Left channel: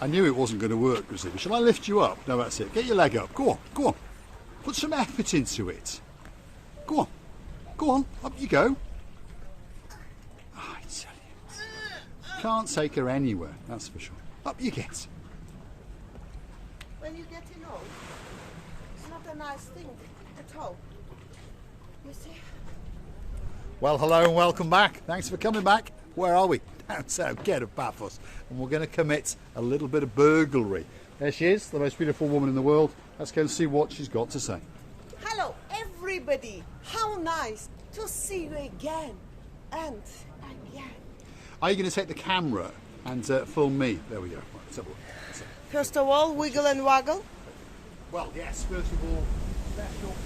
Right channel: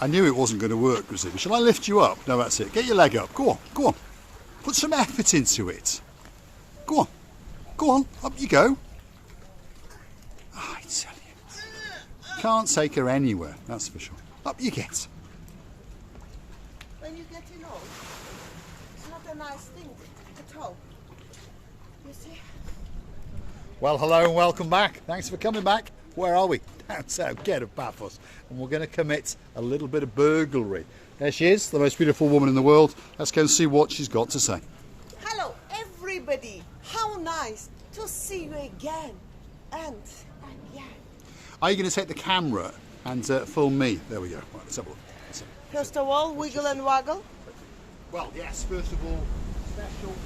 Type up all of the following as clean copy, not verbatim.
I knew it wasn't going to work, Grizzly. Shall I lift you up? No, that's it. Get your leg up. Go on, go on. Put some effort into it. Go on. Go on, up you go. Oh, I tell you. Can't take her anywhere, that's for sure. Up you get. When you get old, it's not a nice thing at all. You see? Well, hello and welcome back. Thanks for coming back. Where are we? Down south, Gate of Paphos. And we're going to commit a little bit of burglary. There she is, the most beautiful woman in the world. Let's go and see what she's got to say. Hello, everybody. How nice to see you again and again. Are you going to take the camera and film me? There we go. Let's have a look. First of all, wiggle and waggle. Well, yes, first of all, special.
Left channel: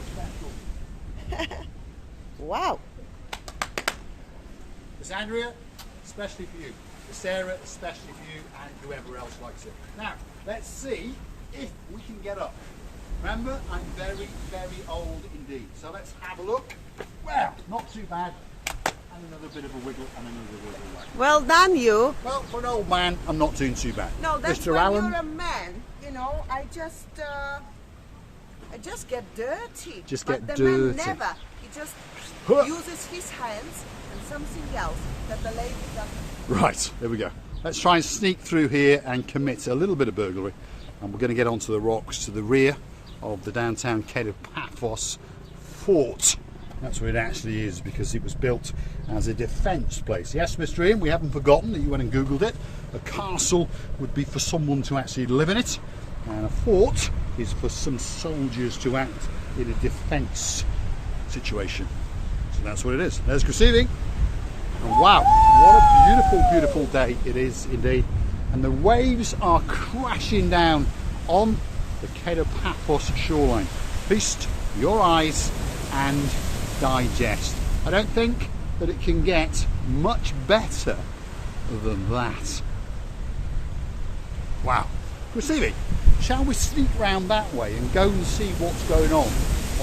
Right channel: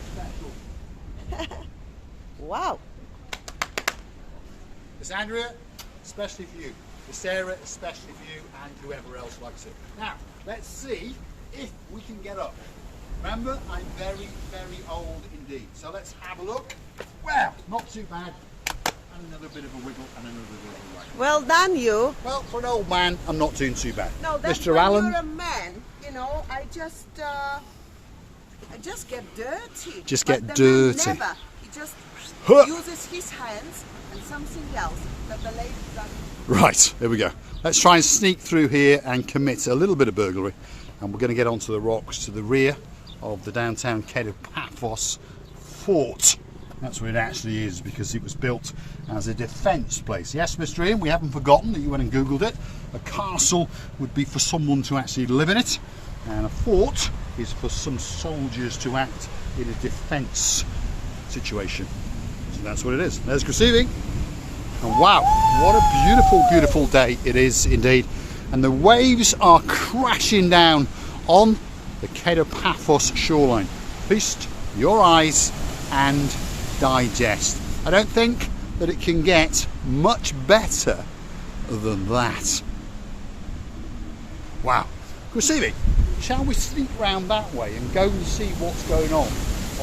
Wow. Miss Andrea, especially for you. Miss Sarah, especially for you, and whoever else likes it. Now, let's see if we can get up. Remember, I'm very, very old indeed. So let's have a look. Well, not too bad. And another bit of a wiggle and another little waggle. Well done, you. Well, for an old man, I'm not doing too bad. No, that's Mr. when Allen, you're a man. You know, I just get dirty. Just but get the dirty. Man never. He just Huh. uses his hands and something else that the ladies are. Right, there we go. Let's try and sneak through here and commit a little bit of burglary. And we're going to get onto the rocks to the rear of the downtown Gate of Paphos fort. That's what it actually is, because it was built as a defence place. Yes, Mr. Ian, we haven't forgotten that you went and Googled it. A castle would be for someone to actually live in it, and a fort is for some soldiers to act in a defence situation. So that's what it is. There's Krasivi. And wow, what a beautiful, beautiful day it is indeed. And the waves are crashing down on the Gate of Paphos shoreline. Feast your eyes and digest. I don't think that it can get much better than that. Wow. Krasivi, shall we sneak round that way and go and see what's going on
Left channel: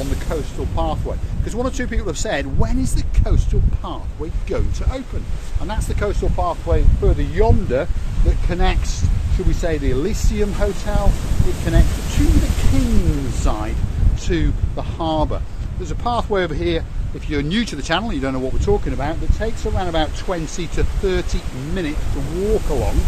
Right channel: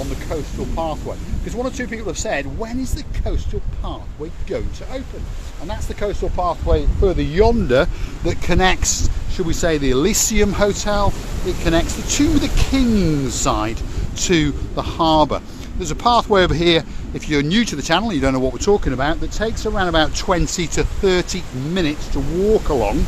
the coastal pathway? Because one or two people have said, when is the coastal pathway going to open? And that's the coastal pathway further yonder that connects, should we say, the Elysium Hotel. It connects the To the King's side to the harbour. There's a pathway over here, if you're new to the channel, you don't know what we're talking about, that takes around about 20 to 30 minutes to walk along,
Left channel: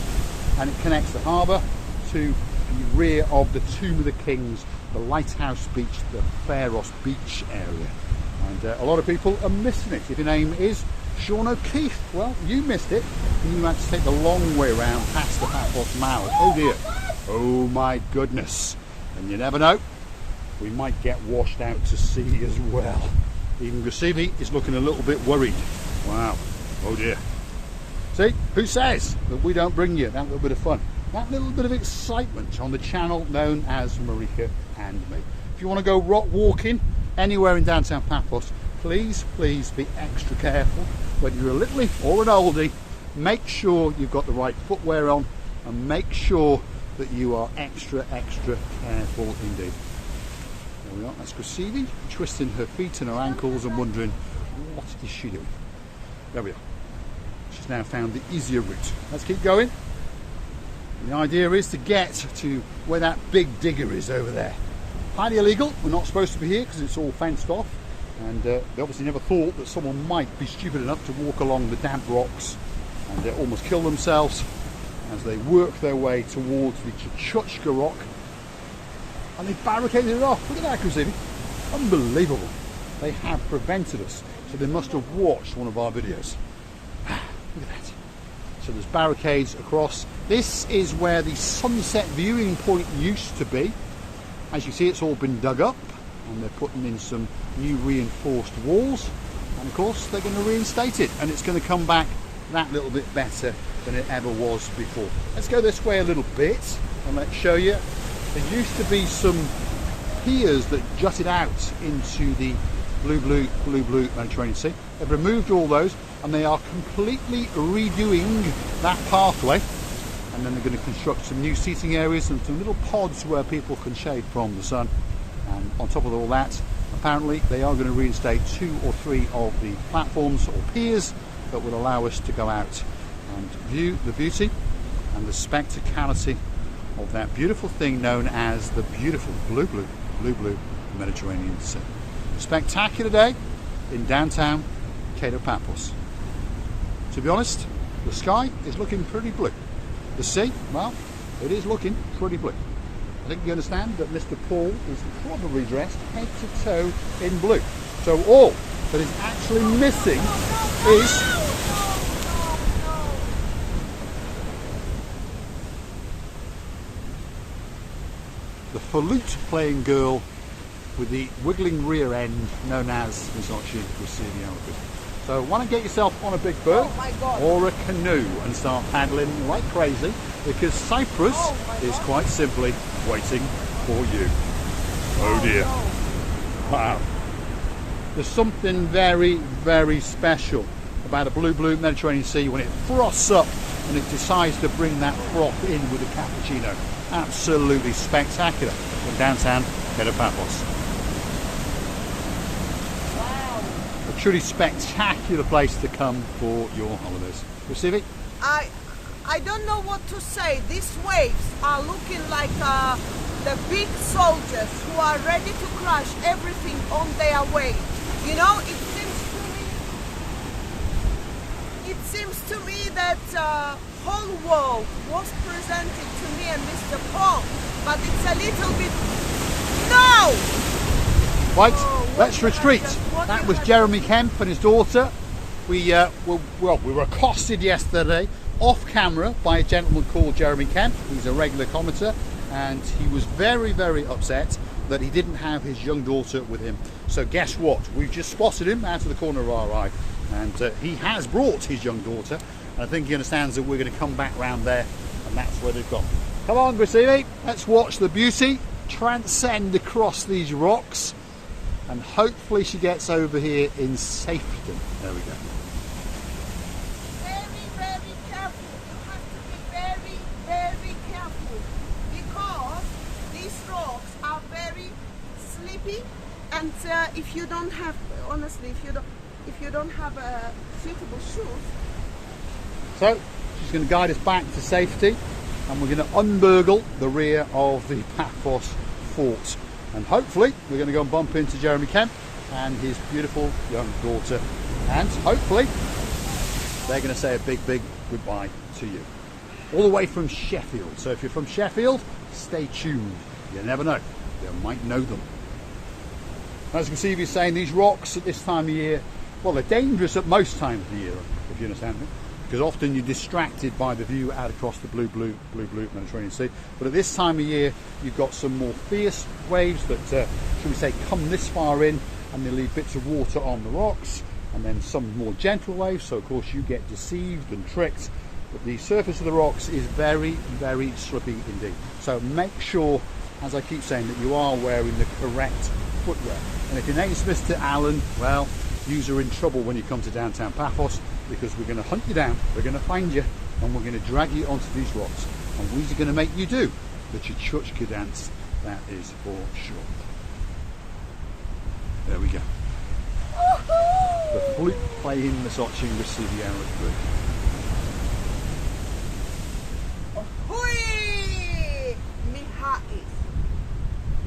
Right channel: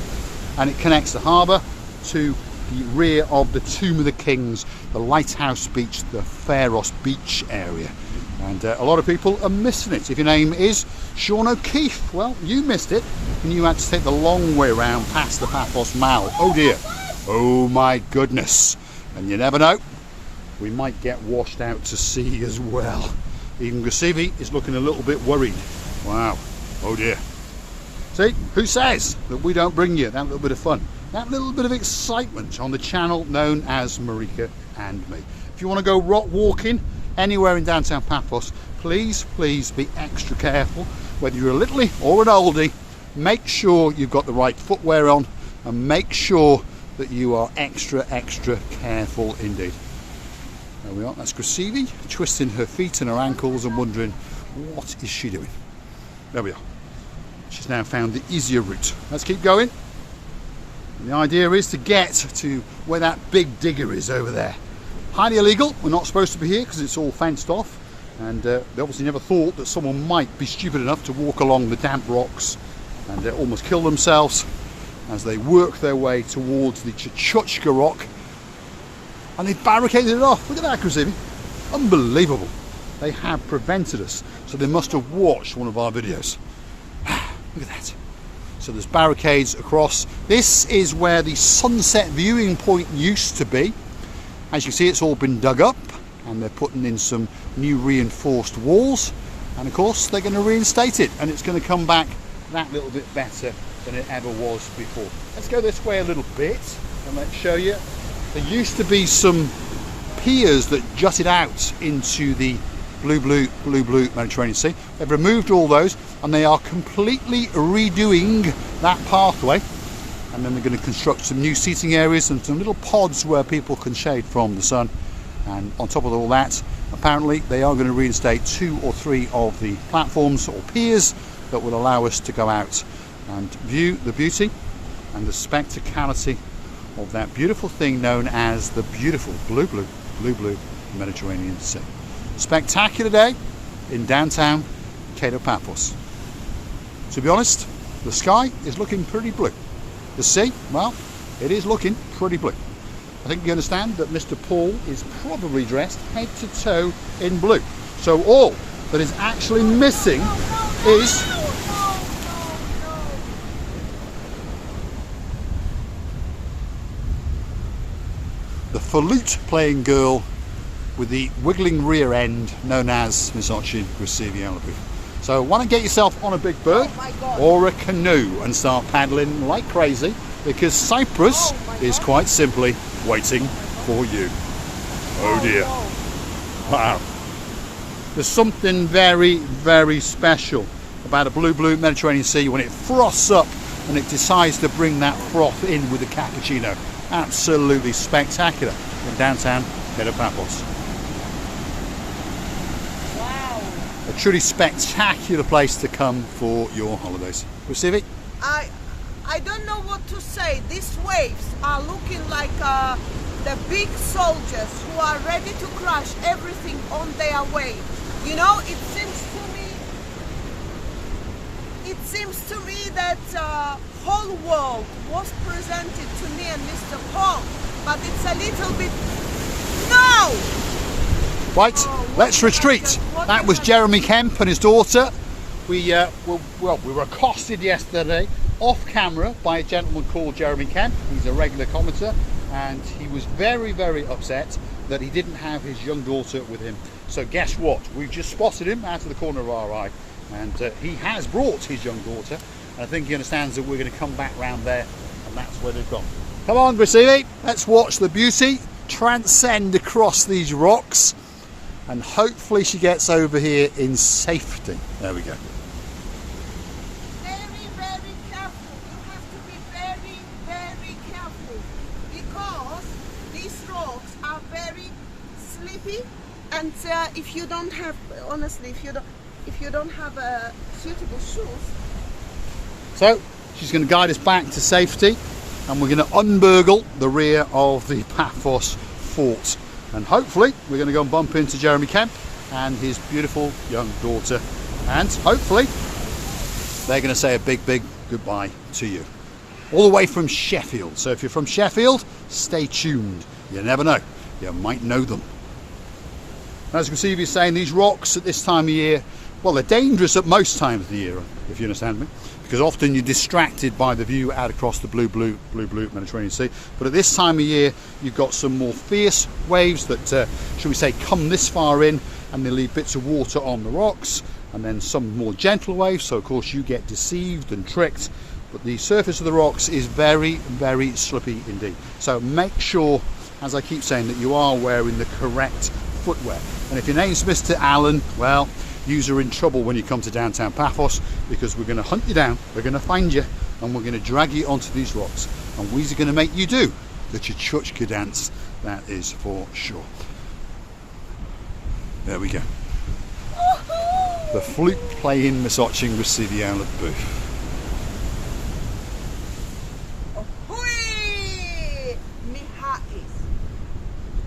and it connects the harbour to the rear of the Tomb of the Kings, the Lighthouse Beach, the Pharos Beach area. And a lot of people are missing it. If your name is Sean O'Keefe, well, you missed it, and you had to take the long way around past the Paphos Mall. Oh dear, oh my goodness. And you never know, we might get washed out to sea as well. Even Krasivi is looking a little bit worried. Wow, oh dear. See, who says that we don't bring you that little bit of fun, that little bit of excitement on the channel known as Marika and Me. If you want to go rock walking anywhere in downtown Paphos, please be extra careful. Whether you're a little or an oldie, make sure you've got the right footwear on, and make sure that you are extra careful indeed. There we are, that's Krasivi twisting her feet and her ankles and wondering, what is she doing? There we are. She's now found the easier route. Let's keep going. And the idea is to get to where that big digger is over there. Highly illegal, we're not supposed to be here because it's all fenced off, and they obviously never thought that someone might be stupid enough to walk along the damp rocks and almost kill themselves as they work their way towards the Chuchka rock. And they barricaded it off. Look at that, Krasivi. Unbelievable. They have prevented us. So they must have watched one of our videos. Look at that. So there's barricades across. This is where the sunset viewing point used to be. As you see, it's all been dug up, and they're putting in some new reinforced walls. And of course, they're going to reinstate it, and it's going to come back that little bit better than it ever was before. Let's go this way a little bit, and let's show you. There used to be some piers that jutted out into the blue Mediterranean Sea. They've removed all those, and they are completely redoing that pathway. And then we're going to construct some new seating areas and some little pods where people can shade from the sun. And on top of all that, apparently they are going to reinstate 2 or 3 of the platforms or piers that will allow us to go out and view the beauty and the spectacality of that beautiful thing known as the beautiful blue Mediterranean Sea. Spectacular day in downtown Paphos. To be honest, the sky is looking pretty blue. The sea, well, it is looking pretty blue. I think you understand that Mr. Paul is probably dressed head to toe in blue. So all that is actually missing is the flute playing girl with the wiggling rear end known as Misochi Gracivia. So why don't get yourself on a big boat or a canoe and start paddling like crazy, because Cyprus is quite simply waiting for you. Oh dear. Wow. There's something very, very special about a blue Mediterranean Sea when it frosts up and it decides to bring that froth in with a cappuccino. Absolutely spectacular in downtown Paphos. A truly spectacular place to come for your holidays. Recivi? I don't know what to say. These waves are looking like the big soldiers who are ready to crush everything on their way. You know, it seems to me that whole world was presented to me and Mr. Paul, but it's a little bit... No! Right, let's retreat. That was Jeremy Kemp and his daughter. We were accosted yesterday off camera by a gentleman called Jeremy Kemp. He's a regular commenter, and he was very, very upset that he didn't have his young daughter with him. So guess what? We've just spotted him out of the corner of our eye, and he has brought his young daughter. And I think he understands that we're going to come back round there, and that's where they've gone. Come on, Gracivia, let's watch the beauty transcend across these rocks, and hopefully she gets over here in safety. There we go. Very, very careful. You have to be very, very careful, because these rocks are very slippy, and if you don't have, honestly, if you don't have suitable shoes. So she's going to guide us back to safety, and we're going to unburgle the rear of the Paphos fort, and hopefully we're going to go and bump into Jeremy Kemp and his beautiful young daughter, and hopefully they're going to say a big goodbye to you, all the way from Sheffield. So if you're from Sheffield, stay tuned. You never know, you might know them. As Gracivia is saying, these rocks at this time of year, well, they're dangerous at most times of the year, if you understand me, because often you're distracted by the view out across the blue Mediterranean Sea. But at this time of year, you've got some more fierce waves that, shall we say, come this far in, and they leave bits of water on the rocks, and then some more gentle waves, so of course you get deceived and tricked. But the surface of the rocks is very, very slippy indeed. So make sure, as I keep saying, that you are wearing the correct footwear. And if your name's Mr. Allen, well, you're in trouble when you come to downtown Paphos, because we're going to hunt you down, we're going to find you, and we're going to drag you onto these rocks, and we're going to make you do the Chuchuchka dance, that is for sure. There we go. The flute playing Misochi Gracivia at the booth.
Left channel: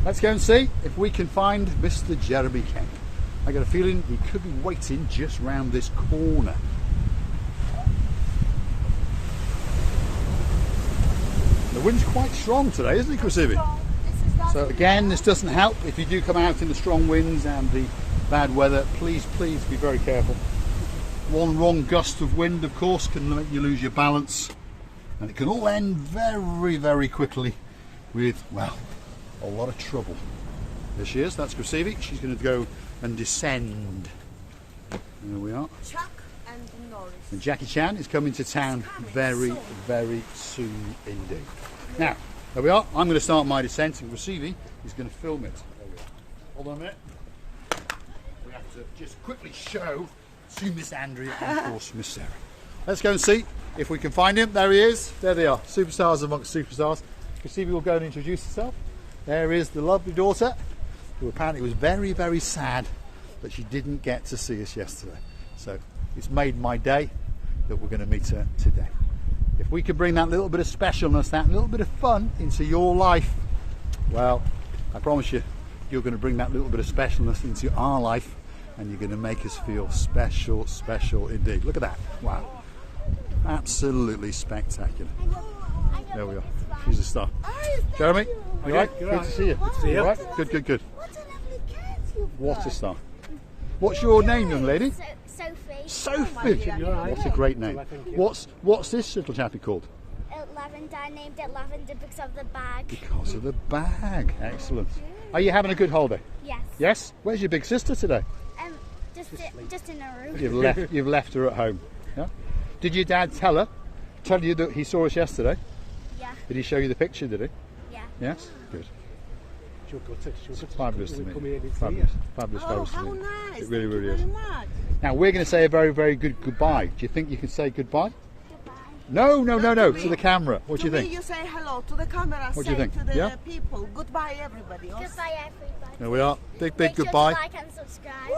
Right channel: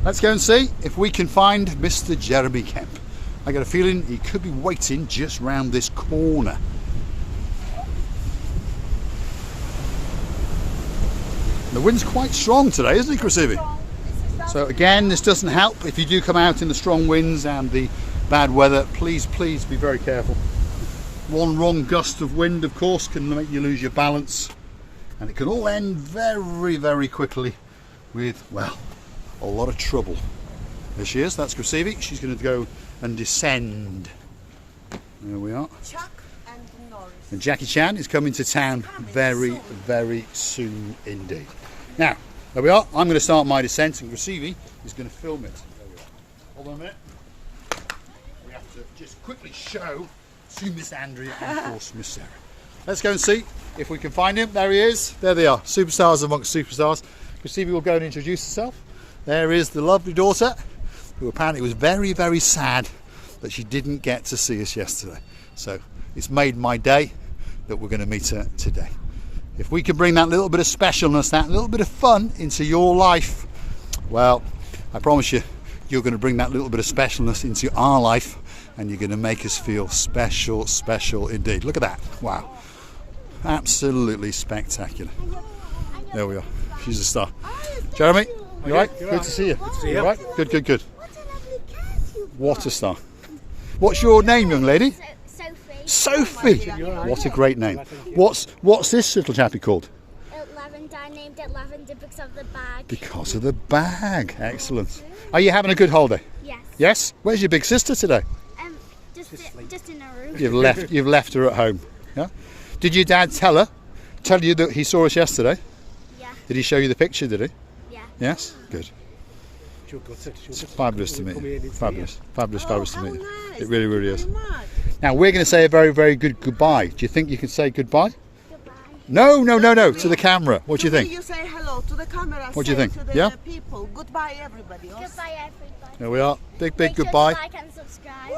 Let's go and see if we can find Mr. Jeremy Kemp. I got a feeling he could be waiting just round this corner. The wind's quite strong today, isn't it, Gracivia? So again, this doesn't help. If you do come out in the strong winds and the bad weather, please be very careful. One wrong gust of wind, of course, can make you lose your balance, and it can all end very, very quickly with, well, a lot of trouble. There she is, that's Gracivia. She's going to go and descend. There we are. Chuck and Norris. And Jackie Chan is coming to town very, very soon indeed. Now, there we are. I'm going to start my descent, and Gracivia is going to film it. There we are. Hold on a minute. We have to just quickly show to Miss Andrea and of course Miss Sarah. Let's go and see if we can find him. There he is. There they are. Superstars amongst superstars. Gracivia will go and introduce herself. There is the lovely daughter, who apparently was very, very sad that she didn't get to see us yesterday. So it's made my day that we're going to meet her today. If we can bring that little bit of specialness, that little bit of fun into your life, well, I promise you, you're going to bring that little bit of specialness into our life, and you're going to make us feel special, special indeed. Look at that. Wow. Absolutely spectacular. There we are. She's a star. Jeremy, you all right? Good to see you. All right? Good, good, good. What a star. What's your name, young lady? Sophie. Sophie. What a great name. What's this little chappie called? Lavender. I named it Lavender because of the bag. Because of the bag. Excellent. Are you having a good holiday? Yes. Yes? Where's your big sister today? Just in a room. You've left her at home. Yeah. Did your dad tell you that he saw us yesterday? Yeah. Did he show you the picture, did he? Yeah. Yes? Good. It's fabulous to me. Fabulous. Fabulous to me. Nice. It really, really is. Thank you very much. Now we're going to say a very, very good goodbye. Do you think you can say goodbye? Goodbye. No, to the camera. What do you think? You say hello to the camera. What do you think? To the Yeah? people. Goodbye, everybody. Goodbye, everybody. There we are. Big Make sure to goodbye. like and subscribe.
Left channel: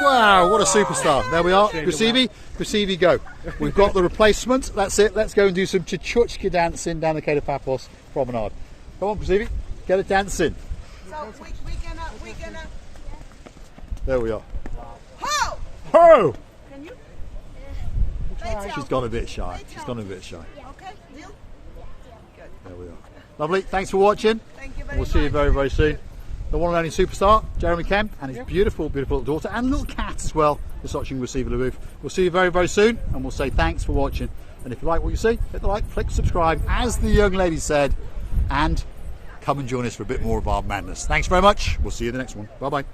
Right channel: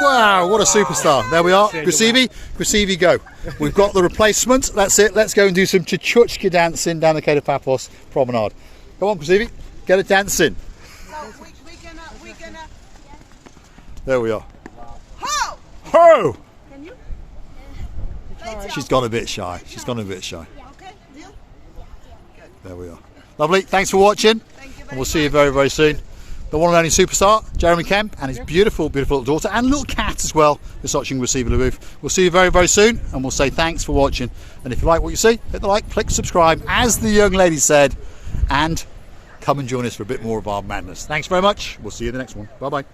Wow, what a superstar. There we are. Grasivi, go. We've got the replacement. That's it. Let's go and do some chuchuchka dancing down the Cape of Paphos promenade. Come on, Grasivi. Get a dance in. So we're gonna. There we are. Ho! Oh! Can you? She's gone a bit shy. She's gone a bit shy. Okay, deal? There we are. Lovely. Thanks for watching. Thank you very And we'll see you very, very soon. The one and only superstar, Jeremy Kemp, and his beautiful, beautiful little daughter and little cat as well, is watching Receiver the Roof. We'll see you very, very soon, and we'll say thanks for watching. And if you like what you see, hit the like, click subscribe, as the young lady said, and come and join us for a bit more of our madness. Thanks very much. We'll see you in the next one. Bye-bye.